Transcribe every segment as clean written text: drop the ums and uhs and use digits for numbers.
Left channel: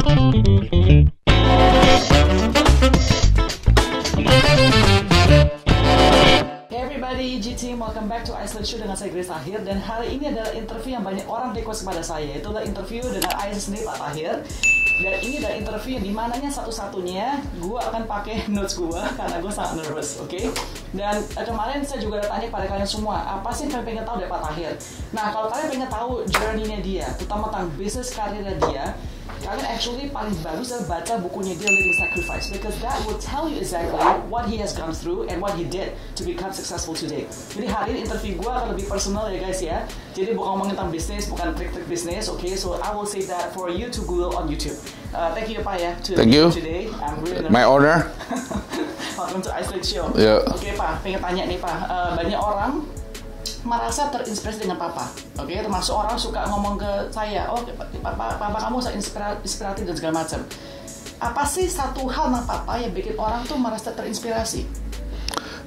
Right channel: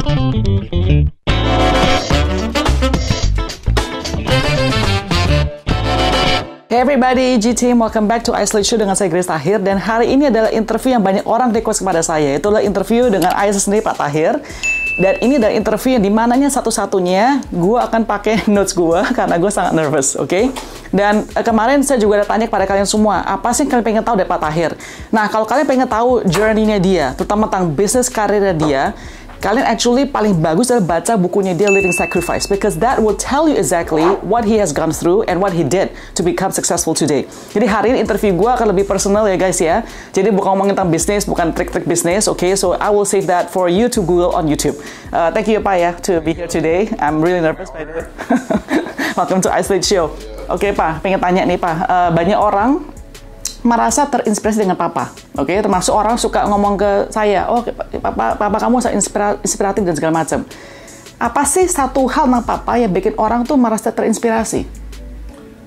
Hey everybody, G-Team, welcome back to Islate Show dengan saya Grace Tahir. Dan hari ini adalah interview yang banyak orang request kepada saya. Itulah interview dengan ayah sendiri, Pak Tahir. Dan ini adalah interview yang dimananya satu-satunya gue akan pakai notes gue karena gue sangat nervous, oke? Dan kemarin saya juga udah tanya kepada kalian semua, apa sih yang kalian pengen tahu dari Pak Tahir? Nah, kalau kalian pengen tahu journey-nya dia, terutama tentang bisnis karirnya dia, kalian actually paling bagus adalah baca bukunya dia, Living Sacrifice, because that will tell you exactly what he has gone through and what he did to become successful today. Jadi hari ini interview gue akan lebih personal ya guys ya. Jadi bukan ngomongin tentang bisnis, bukan trik-trik bisnis, okay? So I will save that for you to Google on YouTube. Thank you Pak ya to be here today. I'm really nervous. My honor. Welcome to Islate Show. Yeah. Oke Pak, pengen tanya nih Pak, banyak orang merasa terinspirasi dengan Papa, oke? Termasuk orang suka ngomong ke saya, oh Papa kamu inspiratif dan segala macam. Apa sih satu hal tentang Papa yang bikin orang tuh merasa terinspirasi?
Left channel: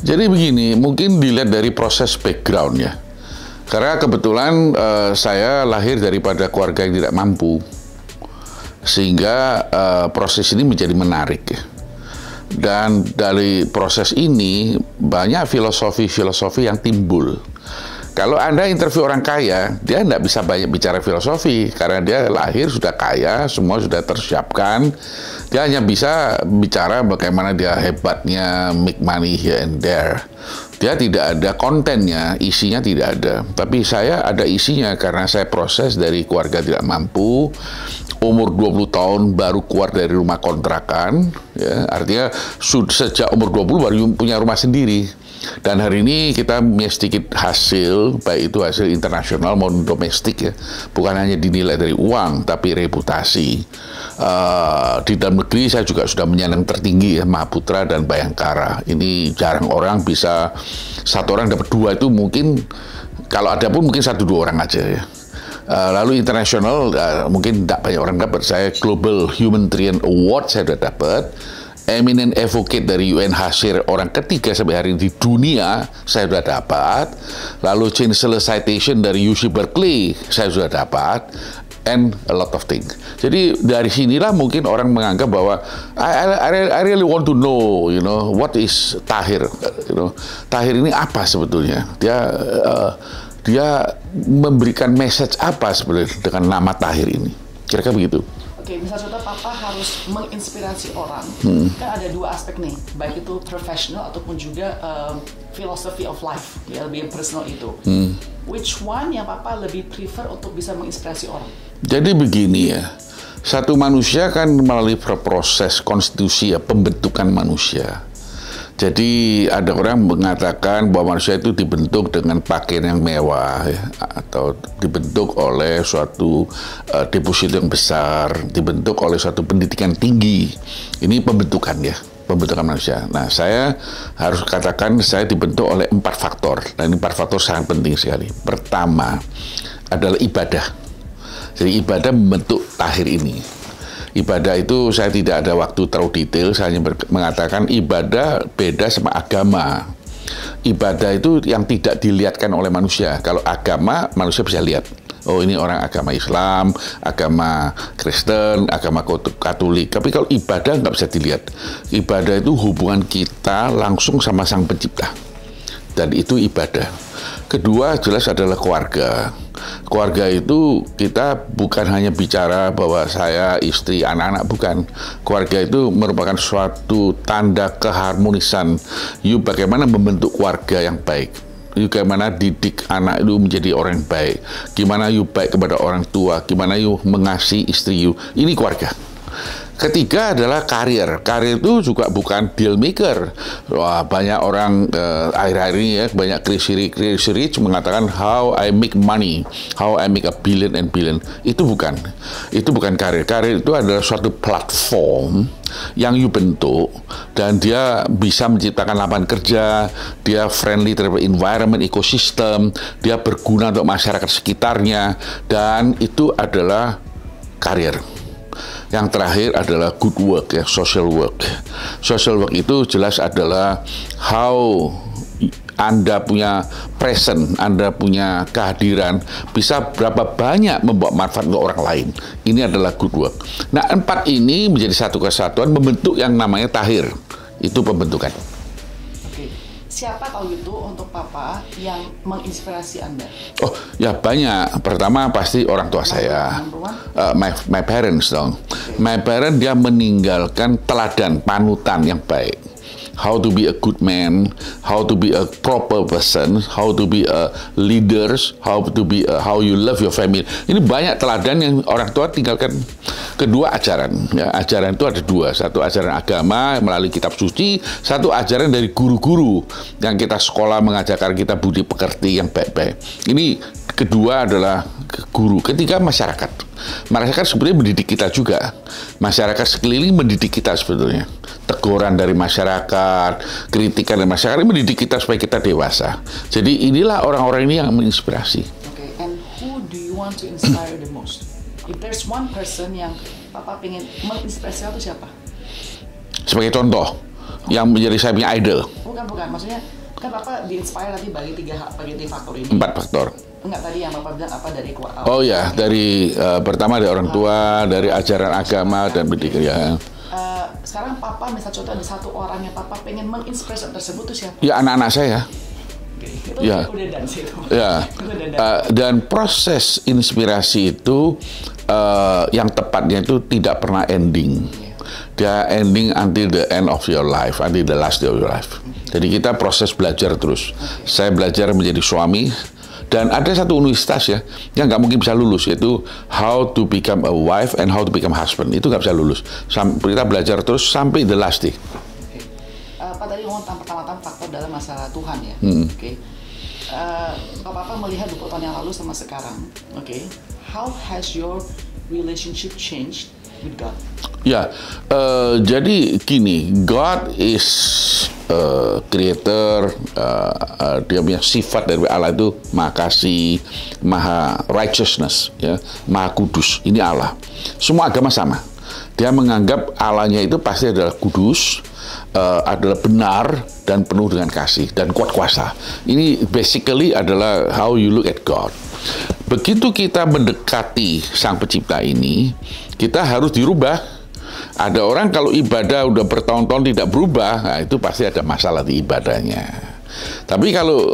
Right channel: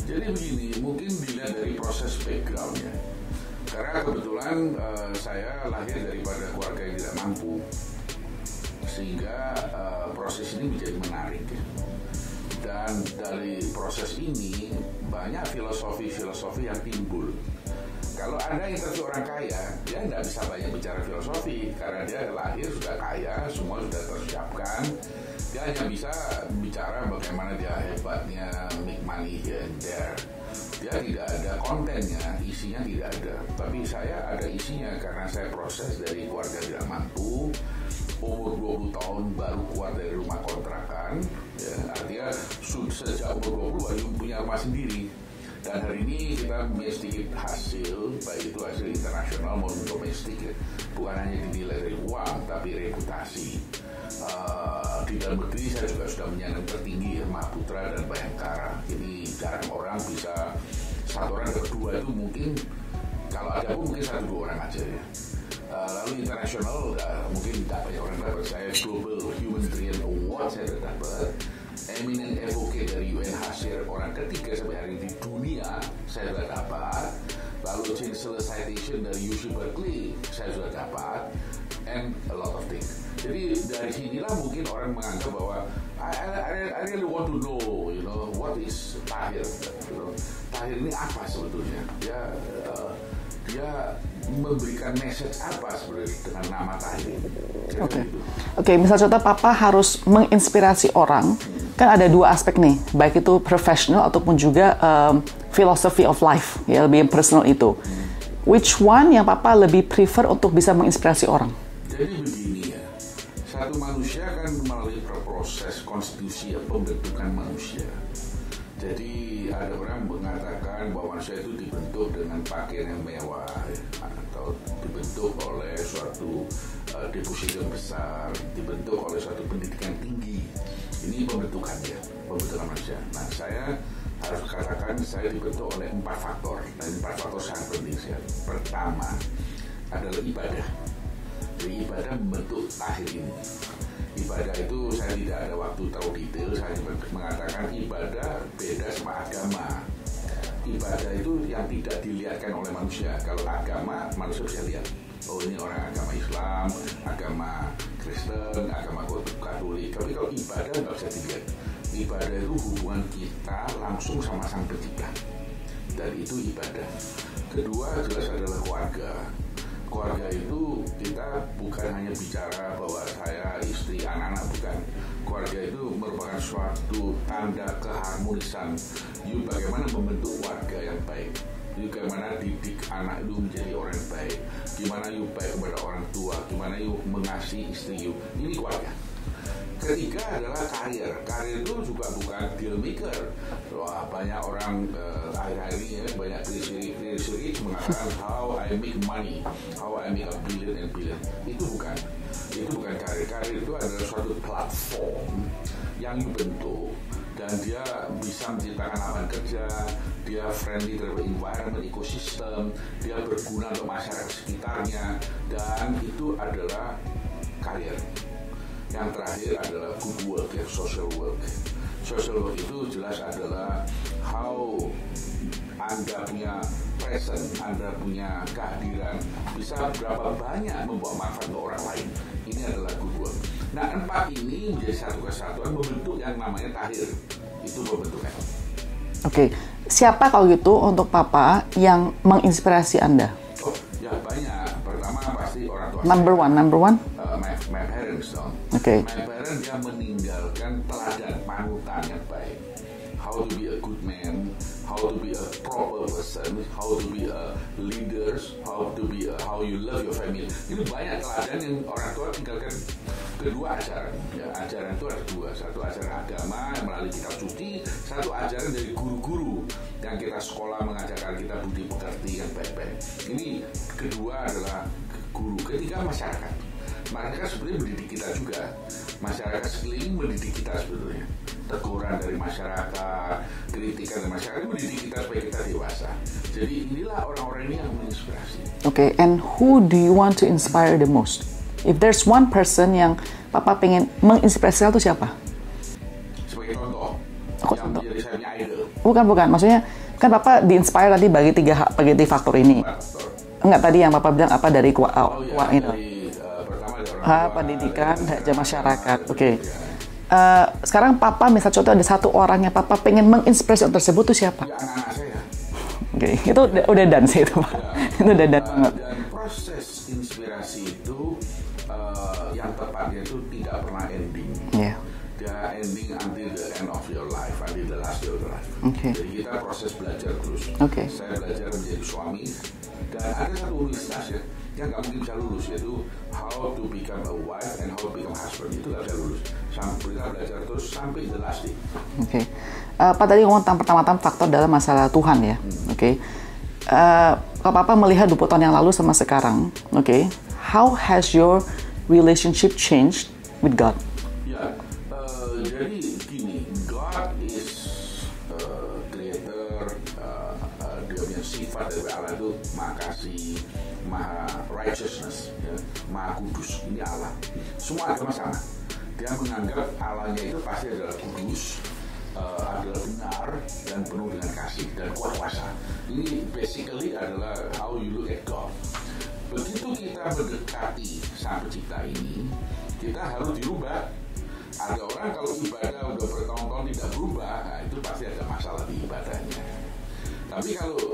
Jadi begini, mungkin dilihat dari proses background ya. Karena kebetulan saya lahir daripada keluarga yang tidak mampu, sehingga proses ini menjadi menarik ya. Dan dari proses ini banyak filosofi-filosofi yang timbul. Kalau Anda interview orang kaya, dia tidak bisa banyak bicara filosofi karena dia lahir sudah kaya, semua sudah tersiapkan. Dia hanya bisa bicara bagaimana dia hebatnya, make money here and there. Dia tidak ada kontennya, isinya tidak ada. Tapi saya ada isinya karena saya proses dari keluarga tidak mampu, umur 20 tahun baru keluar dari rumah kontrakan, ya, artinya sejak umur 20 baru punya rumah sendiri. Dan hari ini kita punya sedikit hasil, baik itu hasil internasional maupun domestik ya, bukan hanya dinilai dari uang, tapi reputasi. Di dalam negeri saya juga sudah menyandang tertinggi ya, Mahaputra dan Bayangkara. Ini jarang orang bisa, satu orang dapat dua itu mungkin, kalau ada pun mungkin 1-2 orang aja ya. Lalu internasional mungkin tidak banyak orang dapat. Saya Global Humanitarian Award saya sudah dapat. Eminent Advocate dari UNHCR orang ketiga sampai hari ini di dunia saya sudah dapat. Lalu Chancellor Citation dari UC Berkeley saya sudah dapat. And a lot of things. Jadi dari sinilah mungkin orang menganggap bahwa I really want to know, you know, what is Tahir, you know, Tahir ini apa sebetulnya? Dia memberikan message apa sebenarnya dengan nama Tahir ini? Kira-kira begitu. Oke, misal contoh Papa harus menginspirasi orang, kan ada dua aspek nih, baik itu professional ataupun juga philosophy of life, ya lebih personal itu. Which one yang Papa lebih prefer untuk bisa menginspirasi orang? Jadi begini ya, satu manusia kan melalui proses konstitusi ya, pembentukan manusia. Jadi ada orang mengatakan bahwa manusia itu dibentuk dengan pakaian yang mewah ya, atau dibentuk oleh suatu deposito yang besar, dibentuk oleh suatu pendidikan tinggi. Ini pembentukan ya, pembentukan manusia. Nah, saya harus katakan saya dibentuk oleh 4 faktor. Dan ini 4 faktor sangat penting sekali. Pertama adalah ibadah. Jadi ibadah membentuk Tahir ini. Ibadah itu saya tidak ada waktu terlalu detail, saya hanya mengatakan ibadah beda sama agama. Ibadah itu yang tidak dilihatkan oleh manusia. Kalau agama, manusia bisa lihat. Oh, ini orang agama Islam, agama Kristen, agama Katolik. Tapi kalau ibadah nggak bisa dilihat. Ibadah itu hubungan kita langsung sama Sang Pencipta. Dan itu ibadah. Kedua jelas adalah keluarga. Keluarga itu kita bukan hanya bicara bahwa saya, istri, anak-anak, bukan. Keluarga itu merupakan suatu tanda keharmonisan. You bagaimana membentuk keluarga yang baik. You bagaimana didik anak itu menjadi orang yang baik. Gimana you baik kepada orang tua. Gimana you mengasihi istri you. Ini keluarga. Ketiga adalah karir. Karir itu juga bukan deal maker. Wah, banyak orang akhir-akhir ini ya, banyak crazy rich mengatakan how I make money, how I make a billion and billion. Itu bukan karir. Karir itu adalah suatu platform yang you bentuk dan dia bisa menciptakan lapangan kerja, dia friendly terhadap environment, ekosistem, dia berguna untuk masyarakat sekitarnya, dan itu adalah karir. Yang terakhir adalah good work ya, social work. Social work itu jelas adalah how Anda punya present, Anda punya kehadiran, bisa berapa banyak membawa manfaat ke orang lain. Ini adalah good work. Nah, 4 ini menjadi satu kesatuan, membentuk yang namanya tahir. Itu pembentukan. Oke. Siapa kalau gitu untuk Papa yang menginspirasi Anda? Oh, ya banyak. Pertama pasti orang tua saya. Number one? My parents dong. Okay. My parents dia meninggalkan teladan, panutan yang baik. How to be a good man, how to be a proper person, how to be a leaders, how you love your family. Ini banyak teladan yang orang tua tinggalkan. Kedua, ajaran. Ya, ajaran itu ada 2. Satu ajaran agama melalui kitab suci, satu ajaran dari guru-guru yang kita sekolah mengajarkan kita budi pekerti yang baik-baik. Ini kedua adalah guru. Ketiga, masyarakat. Masyarakat sebenarnya mendidik kita juga. Masyarakat sekeliling mendidik kita sebetulnya. Teguran dari masyarakat, kritikan dari masyarakat mendidik kita supaya kita dewasa. Jadi inilah orang-orang ini yang menginspirasi. Okay, and who do you want to inspire the most? If there's one person yang Papa pengen menginspirasi itu siapa? Sebagai contoh, yang menjadi saya punya idol. Bukan. Maksudnya, kan Papa di-inspire tadi bagi 3 faktor ini. 4 faktor. Enggak, tadi yang Papa bilang apa dari dari pertama dari orang tua, dari ajaran agama dan pendidikan. Sekarang Papa misal contoh ada satu orang yang Papa pengen menginspirasi orang tersebut itu siapa? Ya, anak-anak saya. Okay. Itu udah done sih itu. Ya. Itu udah done. Dan proses inspirasi itu yang tepatnya itu tidak pernah ending. Yeah. Dia ending until the end of your life, until the last day of your life. Okay. Jadi kita proses belajar terus. Okay. Saya belajar menjadi suami. Dan ada satu universitas ya, yang nggak mungkin bisa lulus, yaitu how to become a wife and how to become husband. Itu nggak bisa lulus. Kita belajar terus sampai the last day. Oke. Pak tadi ngomong tentang pertama-tama faktor dalam masalah Tuhan ya. Oke. Papa melihat 20 tahun yang lalu sama sekarang. Oke. How has your relationship changed with God? Ya, jadi gini, God is creator, dia punya sifat dari Allah itu maha kasih, maha righteousness, ya, maha kudus. Ini Allah. Semua agama sama. Dia menganggap Allahnya itu pasti adalah kudus, adalah benar dan penuh dengan kasih dan kuat kuasa. Ini basically adalah how you look at God. Begitu kita mendekati Sang Pencipta ini, kita harus dirubah. Ada orang kalau ibadah udah bertahun-tahun tidak berubah, nah itu pasti ada masalah di ibadahnya. Tapi kalau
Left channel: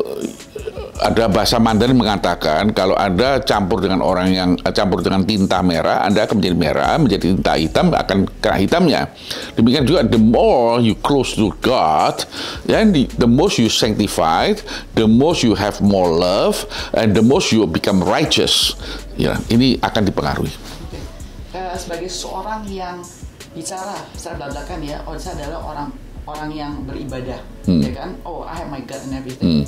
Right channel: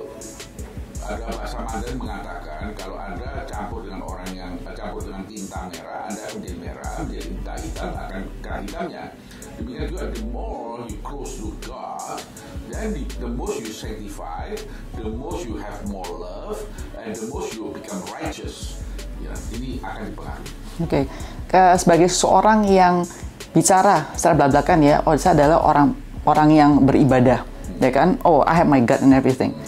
ada bahasa Mandarin mengatakan kalau Anda campur dengan orang yang campur dengan tinta merah, Anda akan menjadi merah, menjadi tinta hitam akan kena hitamnya. Demikian juga the more you close to God, then the most you sanctified, the most you have more love, and the most you become righteous. Ya, ini akan dipengaruhi. Oke. Sebagai seorang yang bicara secara belak-belakan ya, saya adalah orang yang beribadah, ya kan? Oh, I have my God and everything.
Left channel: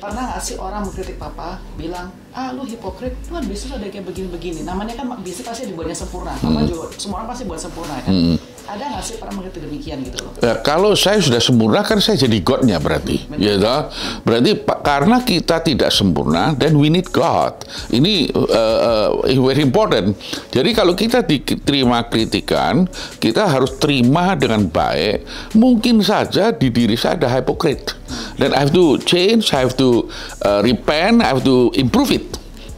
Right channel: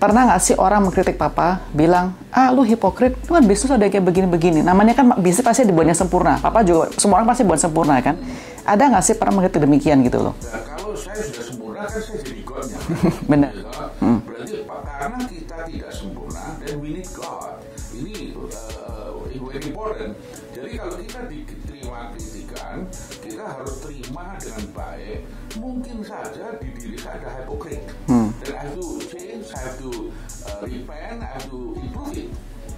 Pernah nggak sih orang mengkritik Papa, bilang, lu hipokrit, lu kan bisnis ada kayak begini-begini. Namanya kan bisnis pasti dibuatnya sempurna. Papa juga, semua orang pasti buat sempurna kan. Ada nggak sih pernah mengkritik demikian gitu loh? Ya, kalau saya sudah sempurna kan saya jadi God-nya berarti. Gitu? Berarti karena kita tidak sempurna, then we need God. Ini very important. Jadi kalau kita diterima kritikan, kita harus terima dengan baik. Mungkin saja di diri saya ada hipokrit. Dan I have to change, I have to repent, I have to improve it.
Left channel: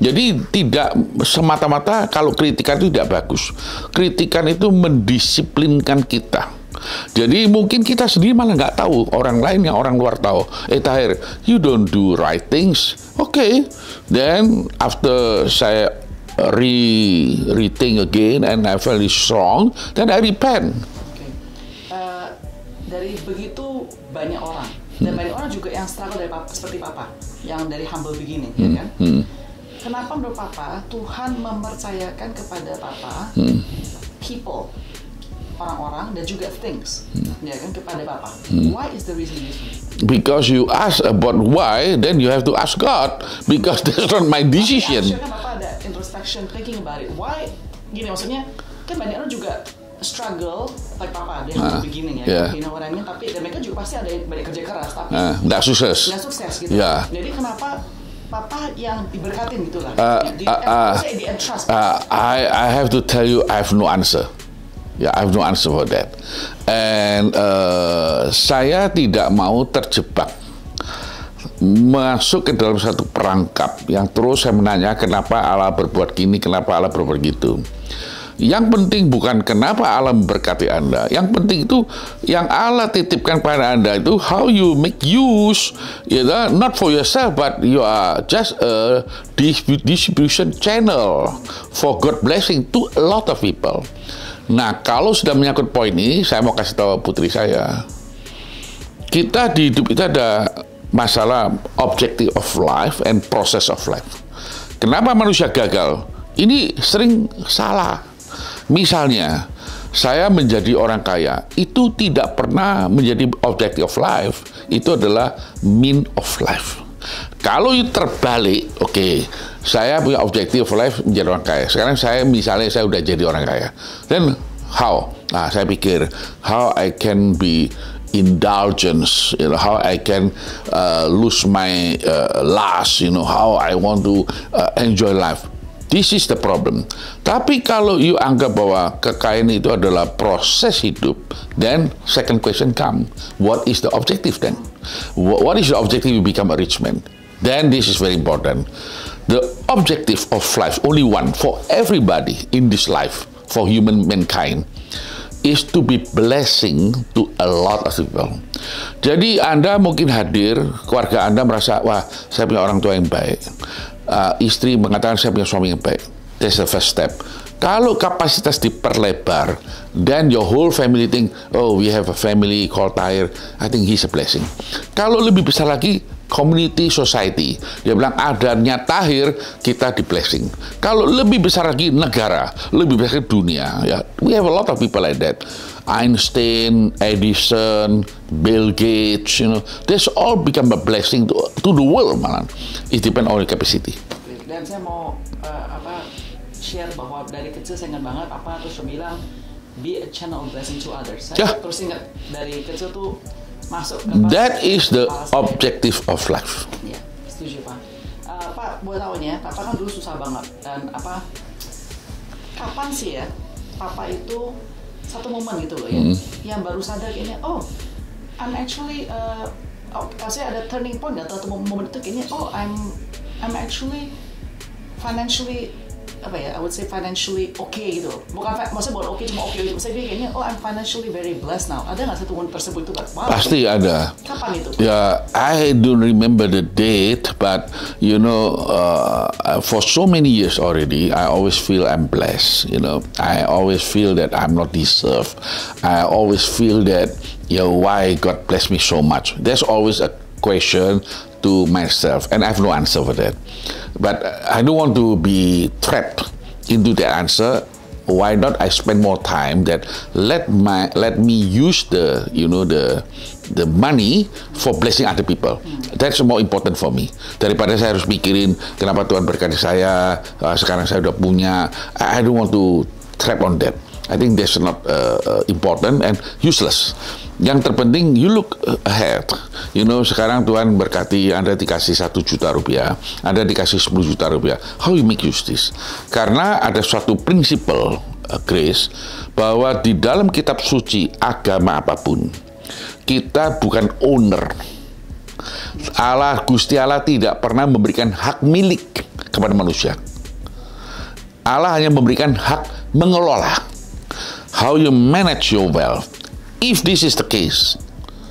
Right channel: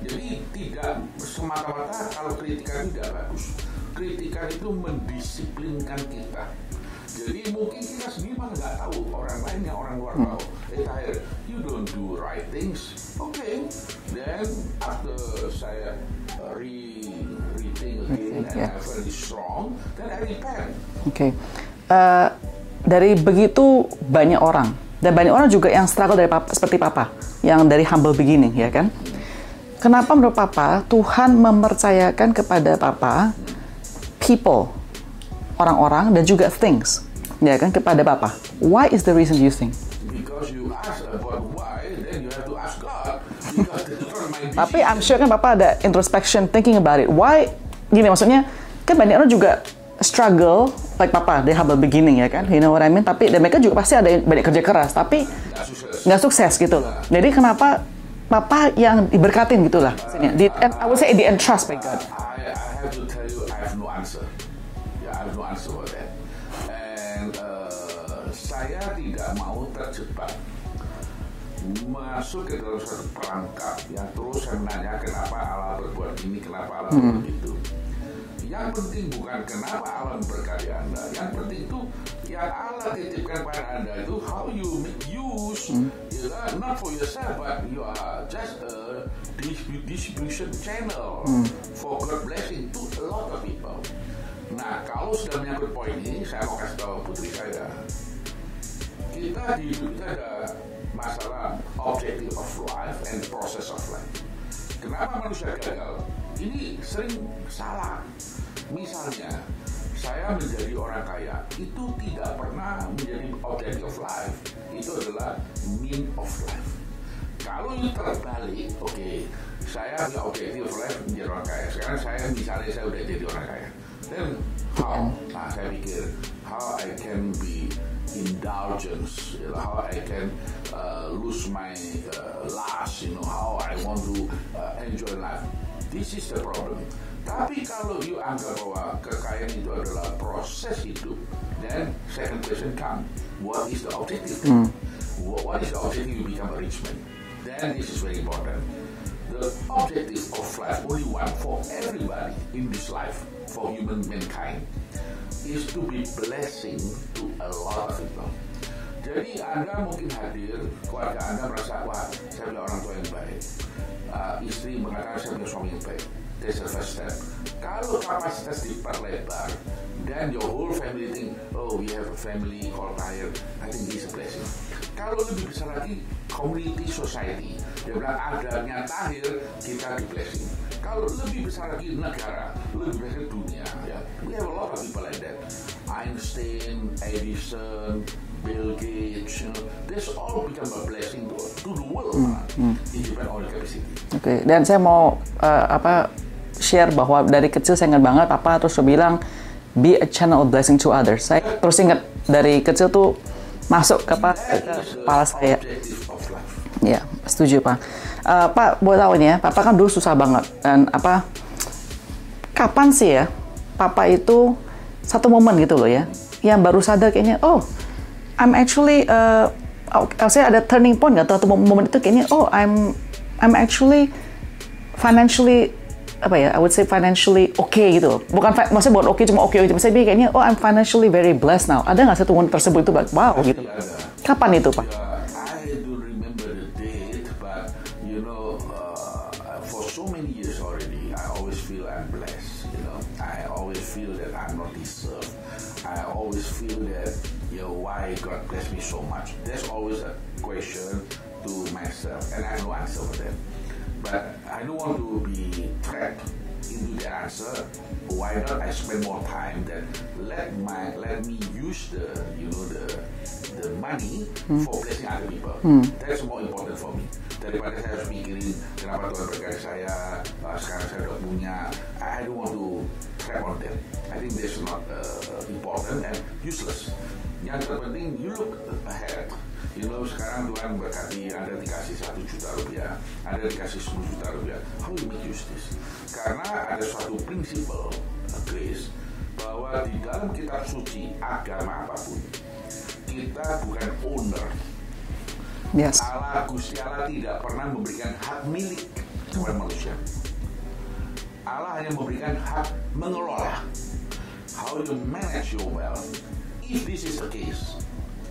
Jadi tidak semata-mata kalau kritikan itu tidak bagus. Kritikan itu mendisiplinkan kita. Jadi mungkin kita sendiri malah nggak tahu, orang lain yang orang luar tahu. Tahir, you don't do right things. Okay. Then after saya rethink again and I felt strong, then I repent. Okay. Dari begitu banyak orang, dan banyak orang juga yang struggle dari Papa, seperti Papa, yang dari humble beginning, ya kan? Kenapa menurut Papa Tuhan mempercayakan kepada Papa people, orang-orang dan juga things, ya kan, kepada Papa? Why is the reason you think? Because you ask about why, then you have to ask God, because that's not my decision. Tapi actually kan Papa ada introspection, thinking about it. Why? Gini maksudnya, kan banyak orang juga struggle like Papa, they humble beginning, ya kan? You know what I mean? Tapi dan mereka juga pasti ada banyak kerja keras, tapi nggak sukses. Nggak sukses gitu. Jadi kenapa Papa yang diberkatin gitulah? Di entrust. I have to tell you, I have no answer. I have no answer for that. And saya tidak mau terjebak masuk ke dalam satu perangkap yang terus saya menanya kenapa Allah berbuat gini, kenapa Allah berbuat gitu. Yang penting bukan kenapa Allah memberkati Anda. Yang penting itu yang Allah titipkan pada Anda itu how you make use, you know, not for yourself, but you are just a distribution channel for God blessing to a lot of people. Nah, kalau sudah menyangkut poin ini, saya mau kasih tahu putri saya. Kita di hidup itu ada masalah objective of life and process of life. Kenapa manusia gagal? Ini sering salah. Misalnya, saya menjadi orang kaya, itu tidak pernah menjadi objective of life. Itu adalah mean of life. Kalau itu terbalik, oke, saya punya objective of life menjadi orang kaya. Sekarang saya udah jadi orang kaya. Then how? Nah, saya pikir how I can be indulgence, you know, how I can lose my lust, you know, how I want to enjoy life. This is the problem. Tapi kalau you anggap bahwa kekayaan itu adalah proses hidup, then second question come, what is the objective then? What is the objective you become a rich man? Then this is very important. The objective of life, only one for everybody in this life, for human mankind, is to be blessing to a lot of people. Jadi Anda mungkin hadir, keluarga Anda merasa, wah, saya punya orang tua yang baik. Istri mengatakan saya punya suami yang baik. That's the first step. Kalau kapasitas diperlebar, then your whole family think, oh, we have a family called Tahir. I think he's a blessing. Kalau lebih besar lagi, community society. Dia bilang adanya Tahir, kita di blessing. Kalau lebih besar lagi negara, lebih besar dunia. Ya, we have a lot of people like that. Einstein, Edison, Bill Gates, you know, this all become a blessing to the world, malah. It depends on the capacity. Oke, dan saya mau share bahwa dari kecil saya ingat banget Papa terus bilang be a channel of blessing to others. Saya terus ingat dari kecil tuh masuk ke That is the objective of life. Ya, setuju Pak. Pak, boleh tahu nih ya, Papa kan dulu susah banget dan kapan sih ya Papa itu satu momen gitu loh ya, yang baru sadar kayaknya, oh, I'm actually, saya ada turning point nggak tuh momen itu kayaknya, oh, I'm actually financially I would say financially okay gitu. Maksudnya bukan okay cuma okay, cuma saya kayaknya, oh, I'm financially very blessed now. Ada nggak satu momen tersebut itu, wow? Pasti gitu. ada. Kapan itu, Pak? Ya, I don't remember the date, but you know, for so many years already, I always feel I'm blessed. You know, I always feel that I'm not deserved. I always feel that, why God bless me so much. There's always a question to myself, and I have no answer for that. But I don't want to be trapped into the answer. Why not I spend more time that let me use the money for blessing other people. That's more important for me. Daripada saya harus mikirin kenapa Tuhan berkati saya, sekarang saya udah punya. I don't want to trap on that. I think that's not important and useless. Yang terpenting, you look ahead. You know, sekarang Tuhan berkati Anda dikasih 1 juta rupiah, Anda dikasih 10 juta rupiah. How you make use this? Karena ada suatu prinsipal, Grace, bahwa di dalam kitab suci agama apapun, kita bukan owner. Yes. Gusti Allah tidak pernah memberikan hak milik kepada manusia. Allah hanya memberikan hak mengelola. How you manage your wealth. If this is the case,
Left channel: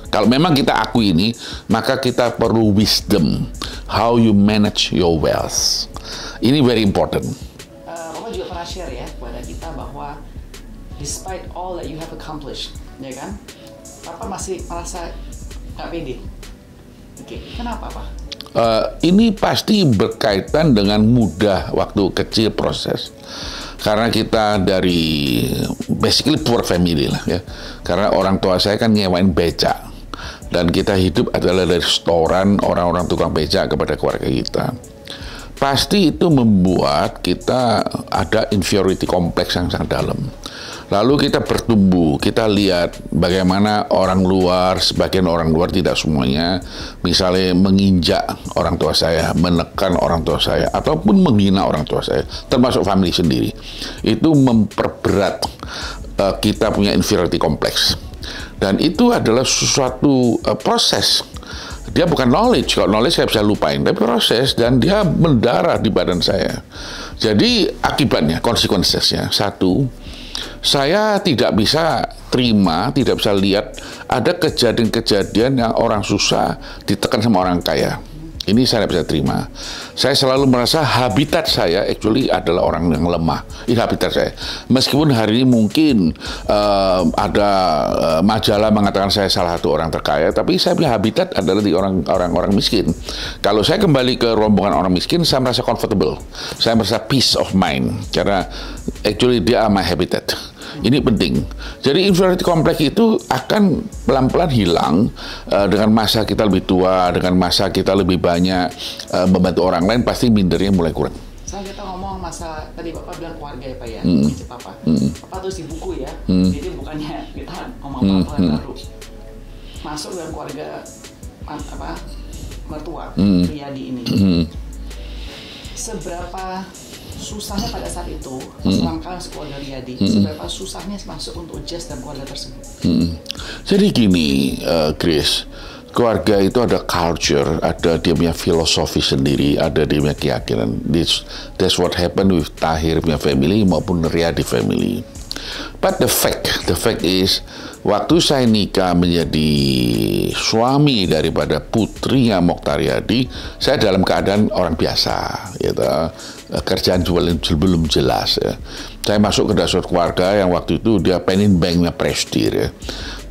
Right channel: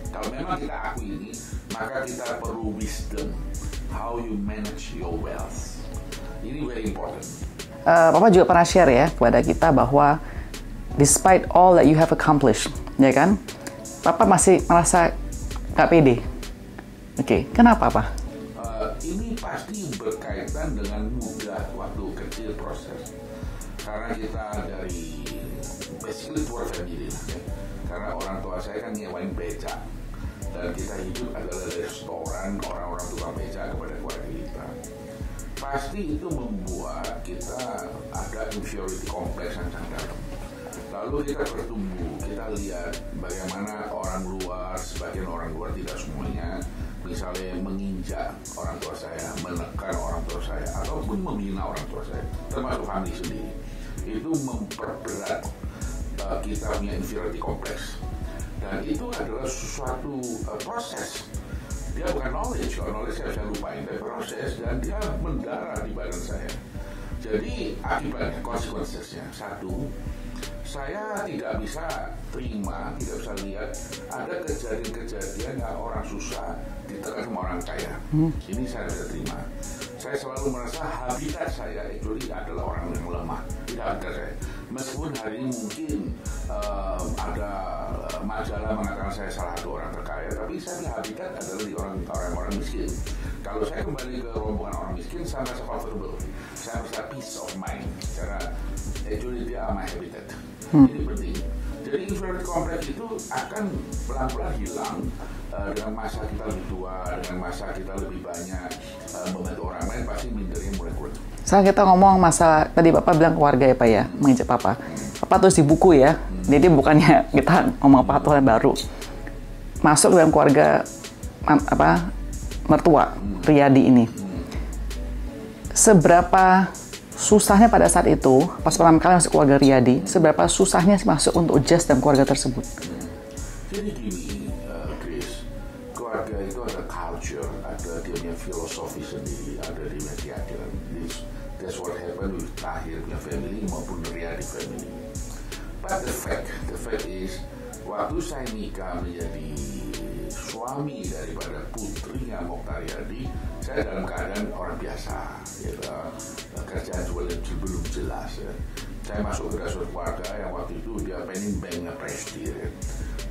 kalau memang kita akui ini, maka kita perlu wisdom. How you manage your wealth. Ini very important. Papa juga pernah share ya kepada kita bahwa despite all that you have accomplished, ya kan, Papa masih merasa nggak pede. Oke, kenapa, Pak? Ini pasti berkaitan dengan mudah waktu kecil proses. Karena kita dari basically poor family lah ya. Karena orang tua saya kan nyewain becak. Dan kita hidup adalah dari setoran orang-orang tukang becak kepada keluarga kita. Pasti itu membuat kita ada inferiority complex yang sangat dalam. Lalu kita bertumbuh, kita lihat bagaimana orang luar, sebagian orang luar, tidak semuanya, misalnya menginjak orang tua saya, menekan orang tua saya, ataupun menghina orang tua saya, termasuk family sendiri. Itu memperberat kita punya inferiority complex. Dan itu adalah suatu proses Dia bukan knowledge, kalau knowledge saya bisa lupain, tapi proses, dan dia mendarah di badan saya. Jadi akibatnya, konsekuensinya, satu, saya tidak bisa terima, tidak bisa lihat ada kejadian-kejadian yang orang susah ditekan sama orang kaya. Ini saya tidak bisa terima. Saya selalu merasa habitat saya actually adalah orang yang lemah. Ini habitat saya. Meskipun hari ini mungkin ada majalah mengatakan saya salah satu orang terkaya, tapi saya punya habitat adalah di orang miskin. Kalau saya kembali ke rombongan orang miskin, saya merasa comfortable. Saya merasa peace of mind. Karena actually dia my habitat. Ini penting. Jadi inferiority complex itu akan pelan-pelan hilang dengan masa kita lebih tua, dengan masa kita lebih banyak membantu orang lain, pasti mindernya mulai kurang. Sekarang kita ngomong masalah, tadi Bapak bilang keluarga ya Pak ya, menginjak Papa. Papa tulis di buku ya, jadi bukannya kita ngomong peraturan baru. Masuk dalam keluarga mertua, Riyadi ini. Seberapa susahnya pada saat itu, pas pertama kali masuk keluarga Riyadi, seberapa susahnya masuk untuk adjust dalam keluarga tersebut? Jadi gini, Chris, keluarga itu ada culture, ada dia punya filosofi sendiri, ada dia punya keyakinan. That's what happened with Tahir punya family maupun Riyadi family. But the fact is, waktu saya nikah menjadi suami daripada putrinya Mokhtar Riyadi, saya dalam keadaan orang biasa, gitu. Kerjaan belum jelas. Ya. Saya masuk ke dasar keluarga yang waktu itu dia pengen banknya Prestige. Ya.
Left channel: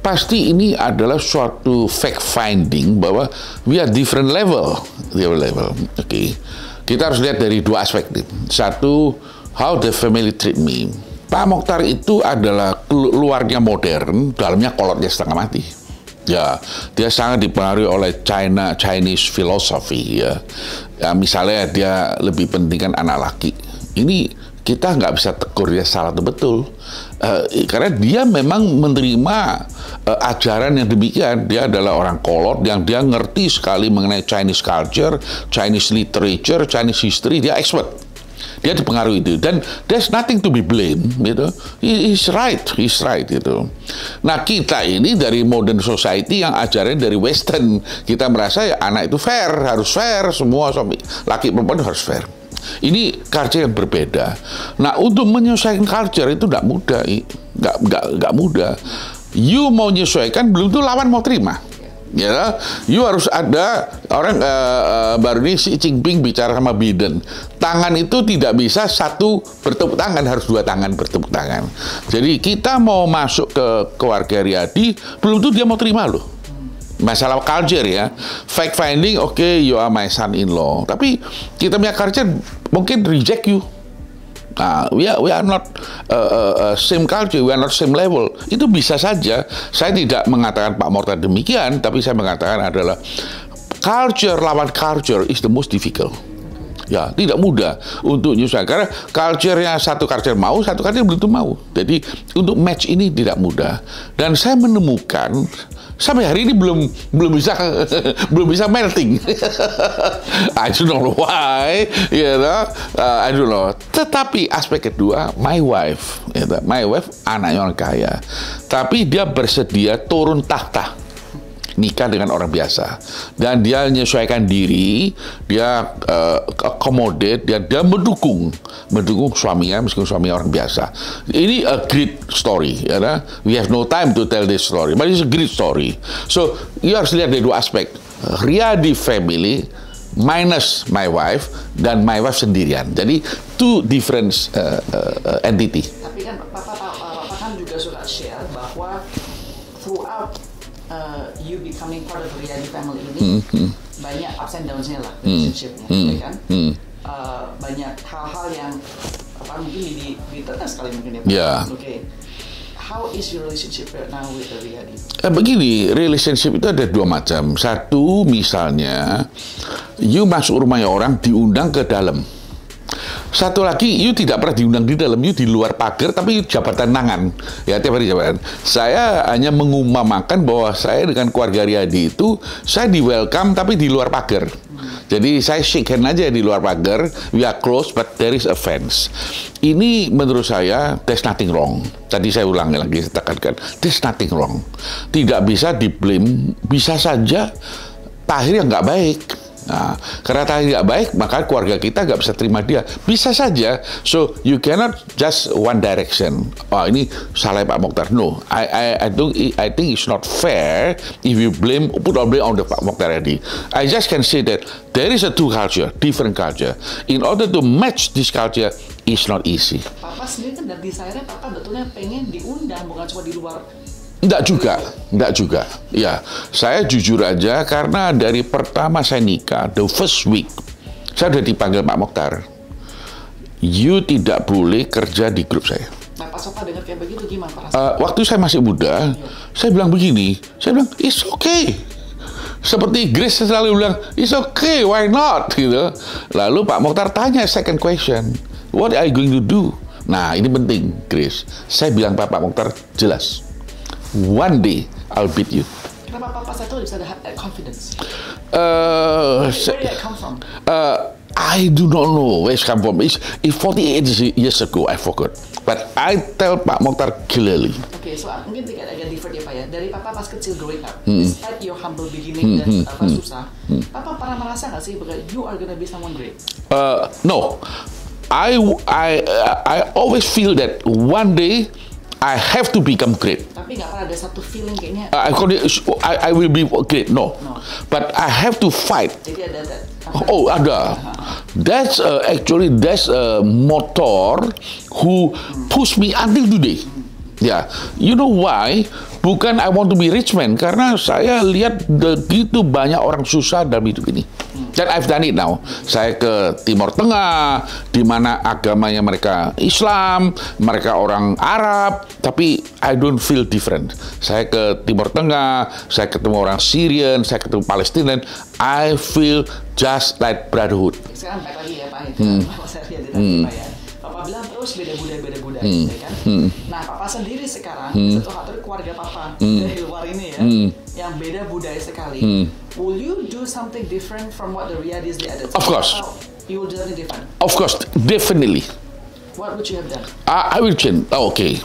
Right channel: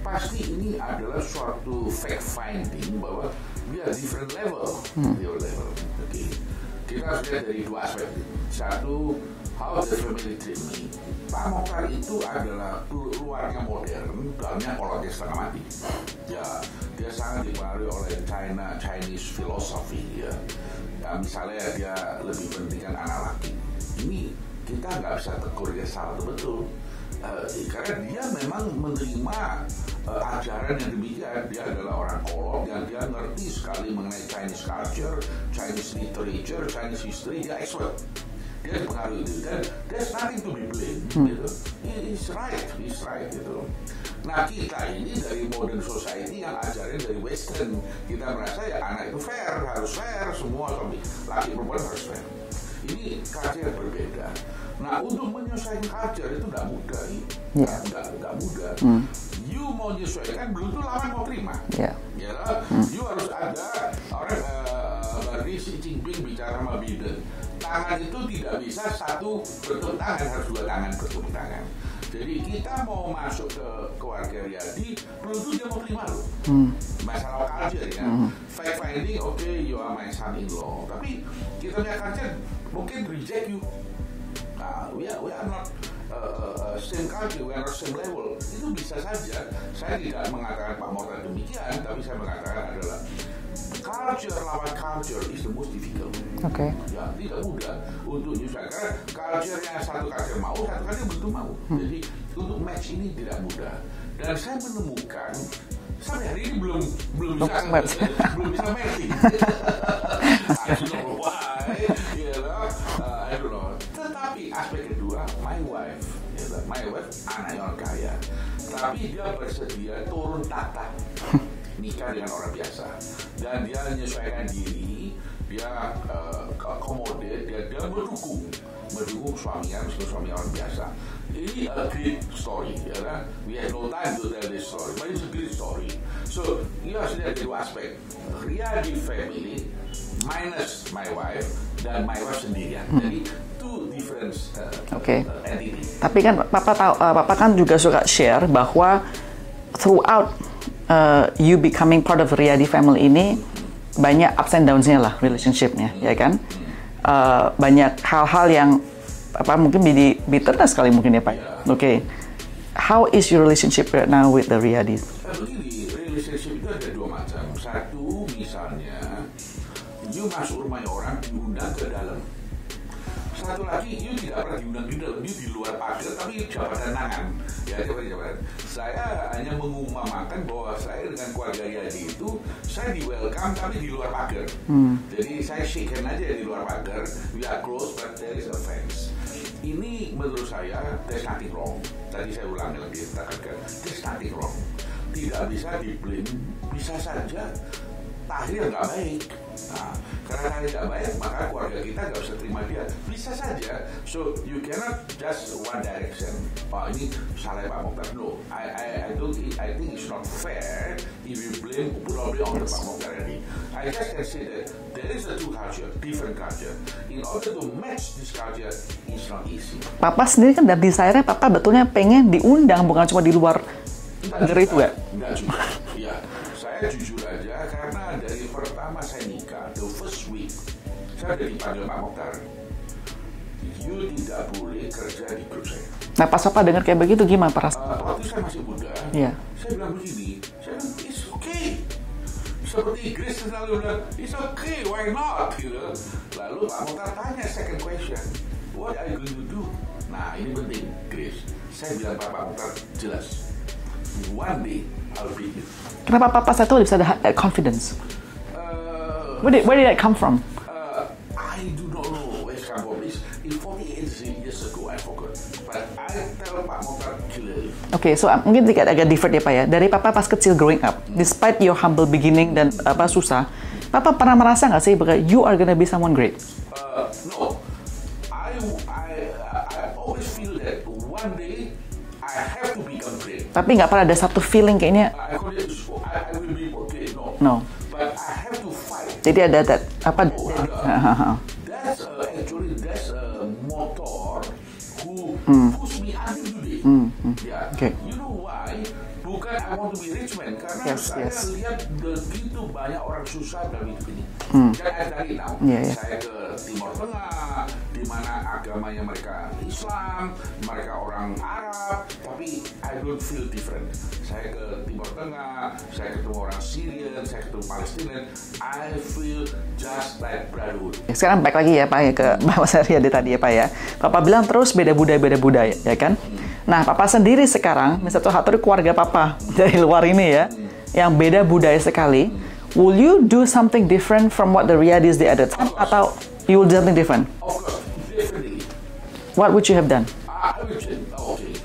Pasti ini adalah suatu fact finding bahwa we are different level. Oke. Kita harus lihat dari dua aspek. Satu, how the family treat me. Pak Mokhtar itu adalah luarnya modern, dalamnya kolotnya setengah mati. Ya, dia sangat dipengaruhi oleh Chinese philosophy ya. Ya, misalnya dia lebih pentingkan anak laki. Ini kita nggak bisa tegur dia salah atau betul. Karena dia memang menerima ajaran yang demikian. Dia adalah orang kolot yang dia ngerti sekali mengenai Chinese culture, Chinese literature, Chinese history. Dia expert. Dia dipengaruhi itu, dan there's nothing to be blamed, gitu. He's right, gitu. Nah, kita ini dari modern society yang ajaran dari Western, kita merasa ya anak itu fair, harus fair, semua suami laki perempuan harus fair. Ini culture yang berbeda. Nah, untuk menyesuaikan culture itu tidak mudah, nggak mudah. You mau menyesuaikan, belum tuh lawan mau terima. Ya, you harus ada orang baru ini Xi Jinping bicara sama Biden. Tangan itu tidak bisa satu bertepuk tangan, harus dua tangan bertepuk tangan. Jadi kita mau masuk ke keluarga Riyadi, belum tuh dia mau terima loh. Masalah culture ya, fact finding, okay, you are my son-in-law. Tapi kita punya culture mungkin reject you. Nah, we are not same culture, we are not same level. Itu bisa saja. Saya tidak mengatakan Pak Mokhtar demikian, tapi saya mengatakan adalah culture lawan culture is the most difficult. Okay. Ya, tidak mudah untuk menyesuaikan. Karena culture-nya satu culture mau, satu culture belum tentu mau. Jadi untuk match ini tidak mudah. Dan saya menemukan sampai hari ini belum bisa melting. I don't know why, I don't know. Tetapi aspek kedua, my wife anaknya orang kaya, tapi dia bersedia turun tahta. Nikah dengan orang biasa, dan dia menyesuaikan diri, dia accommodate, dia mendukung suaminya meskipun suaminya orang biasa. Ini a great story, ya. We have no time to tell this story, but it's a great story. So you harus lihat dari dua aspek, Riyadi family minus my wife dan my wife sendirian. Jadi two different entity. Tapi kan Papa kan juga suka share bahwa throughout you becoming part of Riyadi family ini banyak ups and downs-nya lah relationship-nya, ya kan? Banyak hal-hal yang mungkin bitter sekali mungkin ya Pak. Yeah. Okay. How is your relationship right now with the Riyadis? Begini, relationship itu ada dua macam. Satu, misalnya you masuk rumahnya orang diundang ke dalam. Satu lagi, you tidak pernah diundang di dalam, you di luar pagar, tapi jabatan tangan. Ya, tiap hari jabatan. Saya hanya mengumumkan bahwa saya dengan keluarga Riyadi itu, saya di welcome, tapi di luar pagar. Jadi, saya shake hand aja di luar pagar, we are close, but there is a fence. Ini menurut saya, there's nothing wrong. Tadi saya ulangi lagi, saya tekankan, there's nothing wrong. Tidak bisa di-blame, bisa saja Tahir yang nggak baik. Nah, karena Tahir nggak baik, maka keluarga kita nggak bisa terima dia. Bisa saja. So you cannot just one direction. Oh, ini salah Pak Mokhtar. No, I think it's not fair if you put all blame on the Pak Mokhtar tadi. I just can say that there is a two culture, different culture. In order to match this culture, it's not easy. Papa sendiri kan dari desire-nya Papa betulnya pengen diundang, bukan cuma di luar. Enggak juga. Ya, saya jujur aja karena dari pertama saya nikah, the first week, saya udah dipanggil Pak Mokhtar. You tidak boleh kerja di grup saya. Nah, pas Papa dengar kayak begitu gimana Pak rasanya? Waktu saya masih muda, saya bilang begini, saya bilang, it's okay. Seperti Grace selalu bilang, it's okay, why not? Gitu. Lalu Pak Mokhtar tanya second question, what are you going to do? Nah, ini penting, Grace. Saya bilang Pak Mokhtar, jelas. One day I'll beat you. Kenapa Papa saya tahu bisa ada confidence? Where did that come from? I do not know where it come from. It's 48 years ago, I forgot. But I tell Pak Mokhtar clearly. Okay, so mungkin agak different ya Pak ya. Dari Papa pas kecil growing up, despite your humble beginning dan susah, Papa pernah merasa nggak sih bahwa you are gonna be someone great? No, I always feel that one day I have to become great. Tapi nggak pernah ada satu feeling kayaknya. I will be great. No. But I have to fight. Jadi ada that. Ada. That's actually a motor who push me until today. Yeah. Okay. You know why? Bukan I want to be rich man, karena saya lihat begitu banyak orang susah dalam hidup ini. Dan I've done it now. Saya ke Timur Tengah, di mana agamanya mereka Islam, mereka orang Arab, tapi I don't feel different. Saya ke Timur Tengah, saya ketemu orang Syrian, saya ketemu Palestinian, I feel just like brotherhood. Sekarang baik lagi ya Pak ya ke Mas Aryadi tadi ya Pak ya. Papa bilang terus beda budaya ya kan. Nah Papa sendiri sekarang satu dari keluarga Papa dari luar ini ya, yang beda budaya sekali. Will you do something different from what the Riyadis did at the time? Of course. Atau you will do something different? Of course, definitely. What would you have done? I will change. Okay,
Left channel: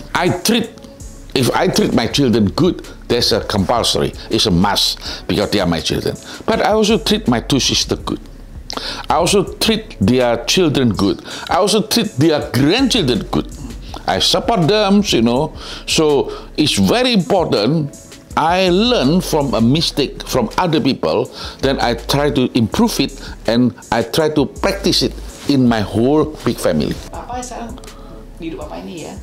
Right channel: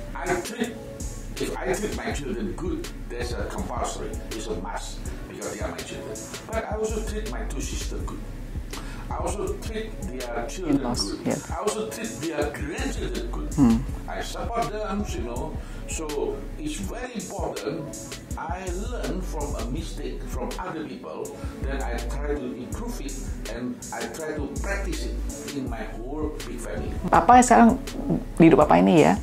if I treat my children good, that's a compulsory. It's a must because they are my children. But I also treat my two sisters good. I also treat their children good. I also treat their grandchildren good. I support them, you know. So it's very important. I learn from a mistake from other people, then I try to improve it and I try to practice it in my whole big family. Papa sekarang di hidup Papa ini ya,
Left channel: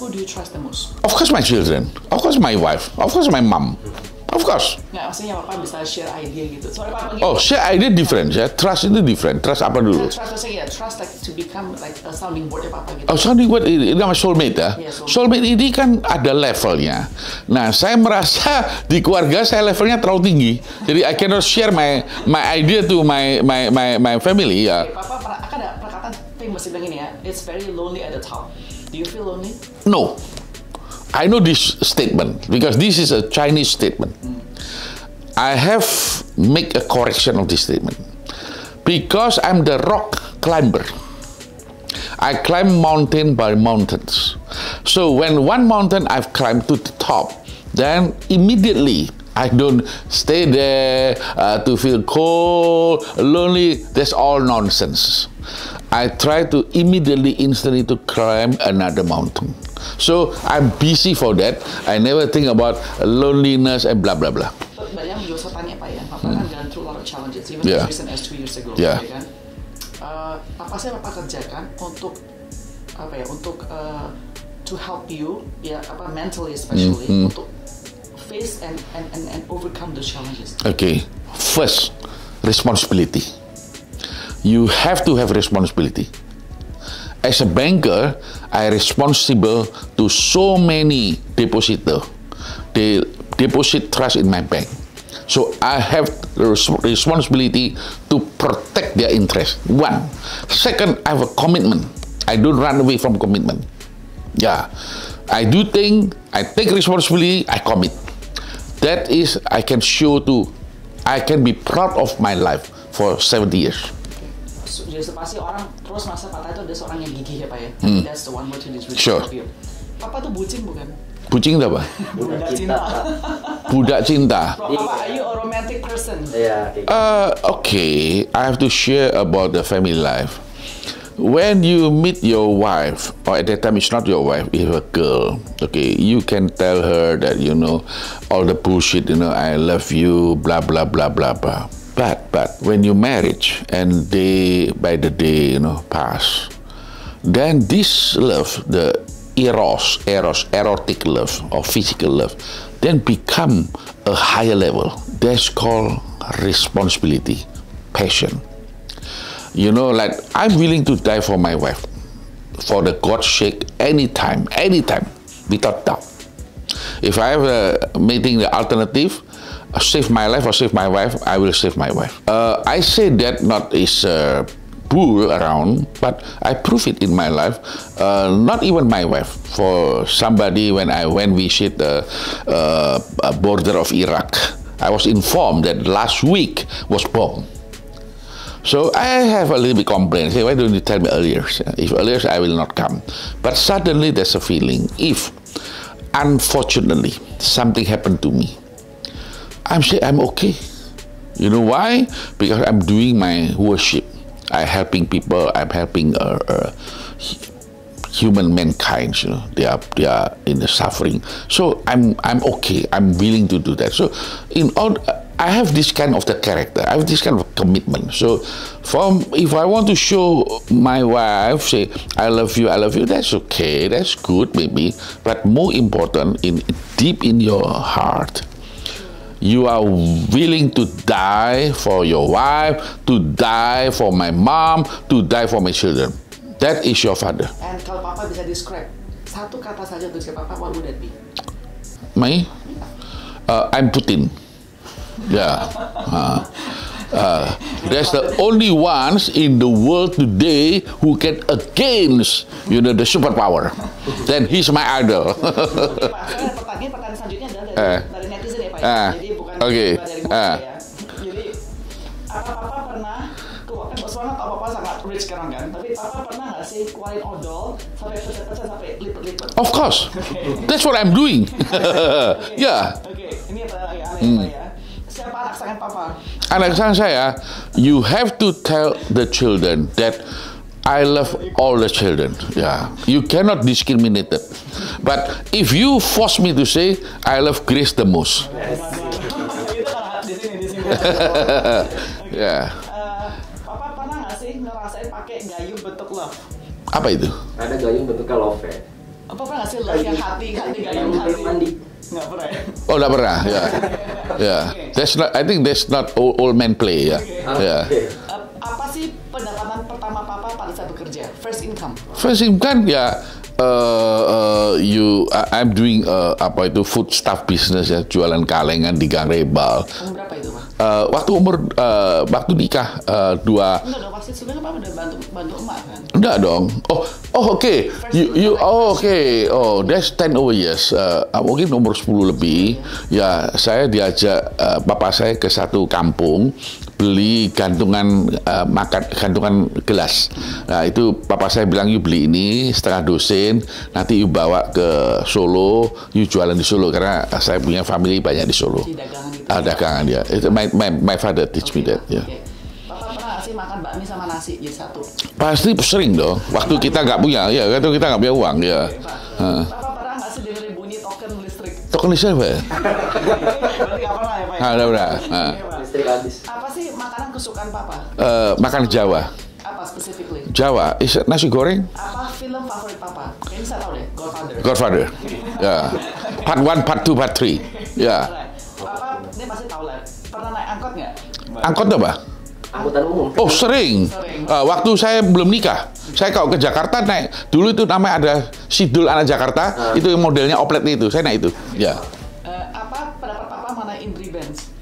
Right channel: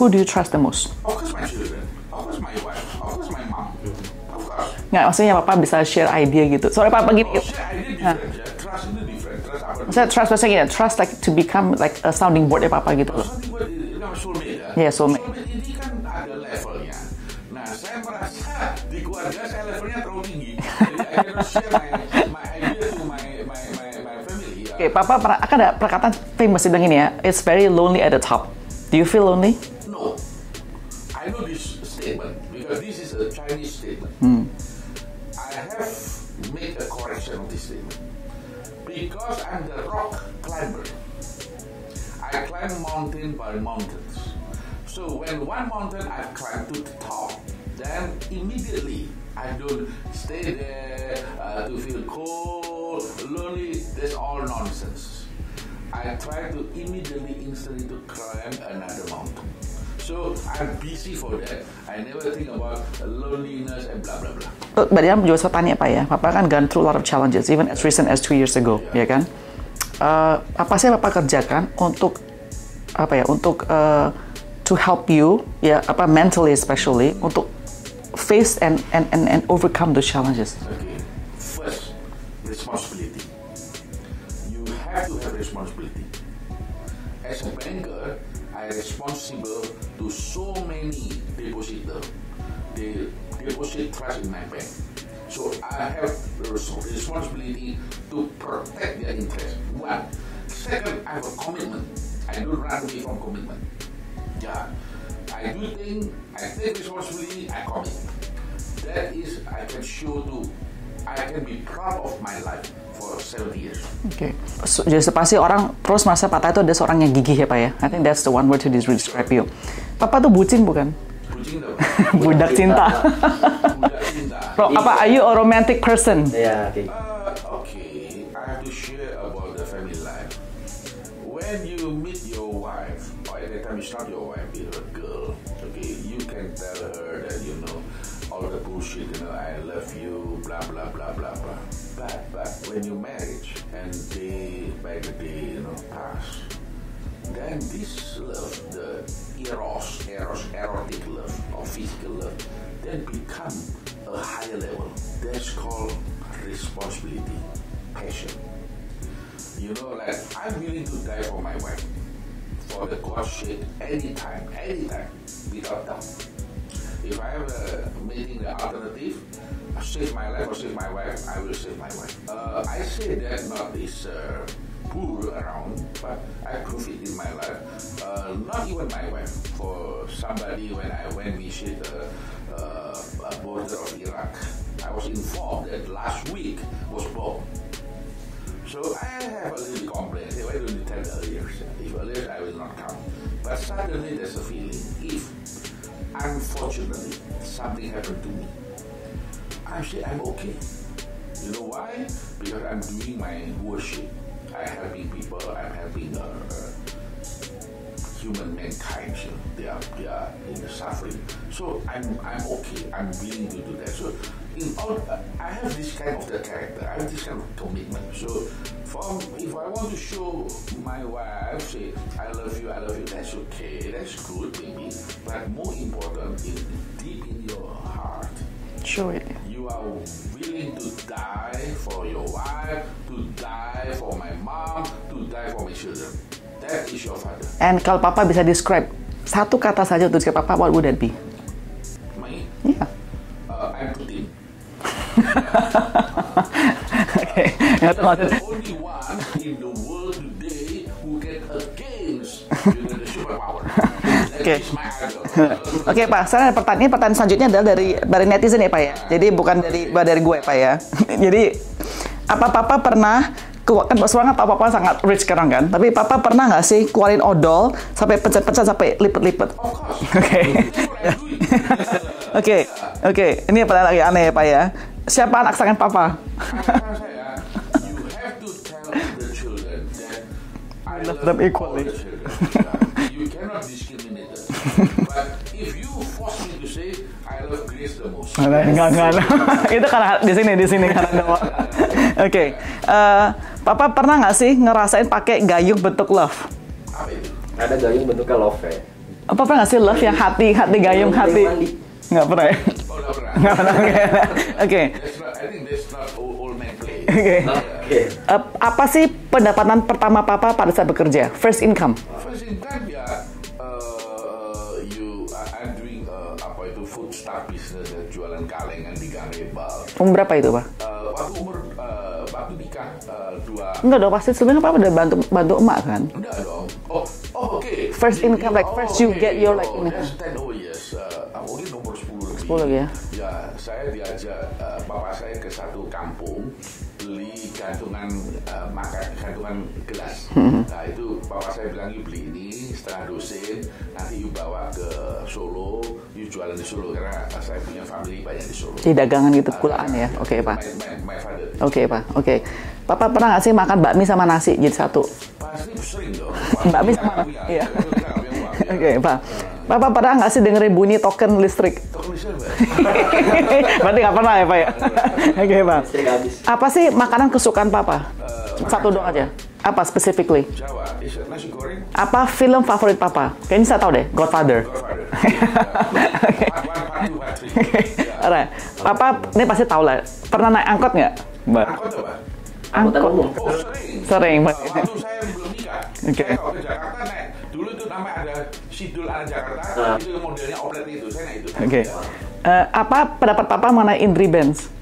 who do you trust the most? Of course my children, of course my wife, of course my mom. Of course. Nggak, maksudnya Papa bisa share idea gitu. Soalnya Papa gitu. Oh, share idea different ya. Trust itu different. Trust apa dulu? Trust maksudnya trust like to become like a sounding board ya Papa gitu. Oh, sounding board ini nama soulmate ya? Yeah, soulmate ini kan ada levelnya. Nah, saya merasa di keluarga saya levelnya terlalu tinggi. Jadi I cannot share my idea to my family ya. Okay, Papa akan ada perkataan famous bilang ini ya. It's very lonely at the top. Do you feel lonely? No. I know this statement because this is a Chinese statement. I have make a correction of this statement because I'm the rock climber. I climb mountain by mountains. So when one mountain I've climbed to the top, then immediately I don't stay there to feel cold, lonely. That's all nonsense. I try to immediately, instantly to climb another mountain. So I'm busy for that. I never think about loneliness and blah blah blah. Berarti yang juga saya tanya Pak ya, Papa kan gone through a lot of challenges, even as recent as 2 years ago, ya kan? Apa sih yang Papa kerjakan untuk apa ya? Untuk to help you, ya apa mentally especially untuk face and overcome those challenges. Okay, first responsibility. You have to have responsibility. As a banker, I responsible to so many depositor. They deposit trust in my bank. So I have the responsibility to protect their interest. One. Second, I have a commitment. I don't run away from commitment. Yeah. I do things, I take responsibility, I commit. That is, I can show to, I can be proud of my life for 70 years. Okay. So, jadi pasti orang terus merasa Papa itu ada seorang yang gigih ya Pak ya. I think that's the one word to describe you. Papa tuh bucin bukan? Bucin itu apa? Budak cinta. Budak cinta. Apa, are you a romantic person? Okay, I have to share about the family life. When you meet your wife, or at that time it's not your wife, it's a girl, okay, you can tell her that, you know, all the bullshit, you know, I love you, blah, blah, blah, blah, blah. But when you marriage and day by the day, you know, pass, then this love, the erotic love or physical love, then become a higher level. That's called responsibility, passion. You know, like, I'm willing to die for my wife, for the God's sake, anytime, without doubt. If I have making the alternative, save my life or save my wife, I will save my wife. I say that not is bull around, but I prove it in my life. Not even my wife, for somebody when I went visit the border of Iraq, I was informed that last week was bomb. So I have a little bit complaint. Say, why don't you tell me earlier? If earlier, I will not come. But suddenly there's a feeling, if unfortunately something happened to me, I'm okay. You know why? Because I'm doing my worship. I'm helping people. I'm helping human mankind. You know, they are in the suffering. So I'm okay. I'm willing to do that. So I have this kind of the character. I have this kind of commitment. So, if I want to show my wife, say, I love you, that's okay, that's good maybe. But more important, deep in your heart, sure, you are willing to die for your wife, to die for my mom, to die for my children. That is your father. And kalau Papa bisa describe satu kata saja untuk describe Papa, what would that be? Me? Yeah. I'm Putin. Yeah. There's the only ones in the world today who can against, you know, the superpower. Then he's my idol. Oke, Pak. Sekarang pertanyaan selanjutnya adalah dari netizen ya, Pak ya. Jadi bukan dari gue, Pak ya. Jadi apa Papa pernah, kan sekarang Papa sangat rich sekarang kan, tapi Papa pernah nggak sih keluarin odol sampai pecah-pecah sampai lipet-lipet? Of course. That's what I'm doing. Ini pertanyaan lagi aneh ya, Pak ya. Siapa anak kesayangan Papa? Anak kesayangan saya, you have to tell the children that I love all the children. Yeah, you cannot discriminate it. But if you force me to say I love Grace the most, enggak. Itu karena di sini kan. Oke. Papa pernah nggak sih ngerasain pakai gayung bentuk love? Apa itu? Ada gayung bentuknya love ya. Apa pernah nggak sih love yang hati gayung hati? Nggak pernah ya? Oh, nggak pernah. Oke. I think that's not old man play. Apa sih pendapatan pertama Papa pada saat bekerja? First income? First income ya. I'm doing food stuff business ya, jualan kalengan di Gang Rebal. Umur berapa itu, Pak? Waktu nikah Enggak dong, pasti sebenarnya Papa udah bantu emak kan? Enggak dong. Okay. First income, That's 10 over years. Mungkin umur 10 lebih. 10, ya, saya diajak papa saya ke satu kampung beli gantungan gantungan gelas. Nah, itu papa saya bilang, you beli ini setengah dosen, nanti you bawa ke Solo, you jualan di Solo, karena saya punya family banyak di Solo. Di dagangan gitu. Dagangan ya. Itu my father teach me that. Oke. Papa pernah nggak sih makan bakmi sama nasi jadi satu? Pasti sering dong. Waktu kita nggak punya, waktu kita nggak punya uang. Ya. Oke, Pak. Papa pernah nggak sih dengerin bunyi token listrik? Token listrik apa ya? Berarti nggak pernah ya, Pak ya? Nggak pernah. Oke, Pak. Apa sih makanan kesukaan Papa? Makan Jawa. Apa specifically? Jawa, nasi goreng. Apa film favorit Papa? Kayaknya saya tahu deh, Godfather. Part 1, Part 2, Part 3. Ya. Papa, ini pasti tahu lah. Pernah naik angkot nggak? Angkot apa? Angkot. Oh, sering. Waktu saya belum nikah, saya kalau ke Jakarta naik. Dulu itu namanya ada Sidul anak Jakarta, itu modelnya oplet itu. Saya naik itu. Ya. Apa pendapat Papa mengenai Indri Benz?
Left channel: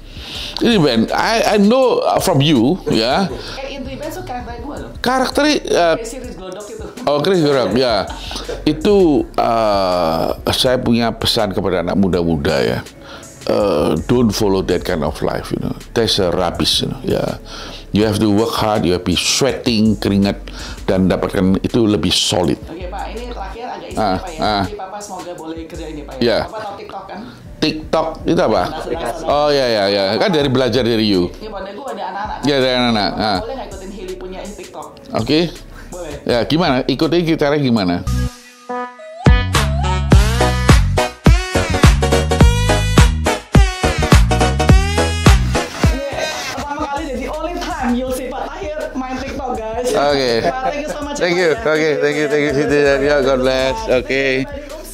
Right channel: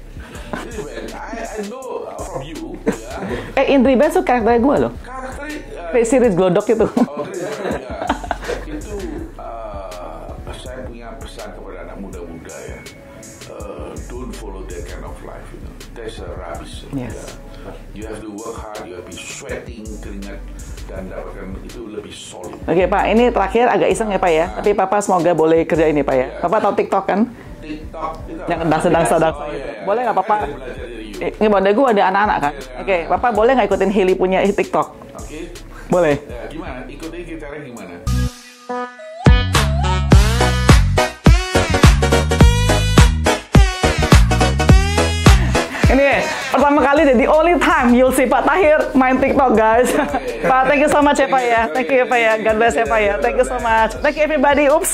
Ini Ben, I know from you, ya. Indri Benz itu karakternya gue loh. Karakternya Chris Glodok itu. Oh, Chris Glodok, ya. Itu saya punya pesan kepada anak muda-muda ya. Don't follow that kind of life, you know. That's a rubbish, you know. Yeah. You have to work hard, you have to be sweating, keringat, dan dapatkan itu lebih solid. Oke Pak, ini terakhir agak iseng ya Pak ya. Tapi Papa semoga boleh kerja ini Pak ya. Yeah. Papa tahu TikTok kan? TikTok itu apa? Sedang. Oh iya. Kan dari belajar dari you. Ini pada gue ada anak-anak kan? Iya, ada anak-anak. Papa boleh nggak ikutin Hili punya TikTok? Oke. Boleh. Ya gimana? Ikutin caranya gimana? Pertama kali dan the only time you'll see Pak Tahir main TikTok, guys. Okay. Pak, thank you so much ya Pak ya. Thank you Pak ya. God bless ya Pak ya. Thank you so much. Thank you everybody. Oops.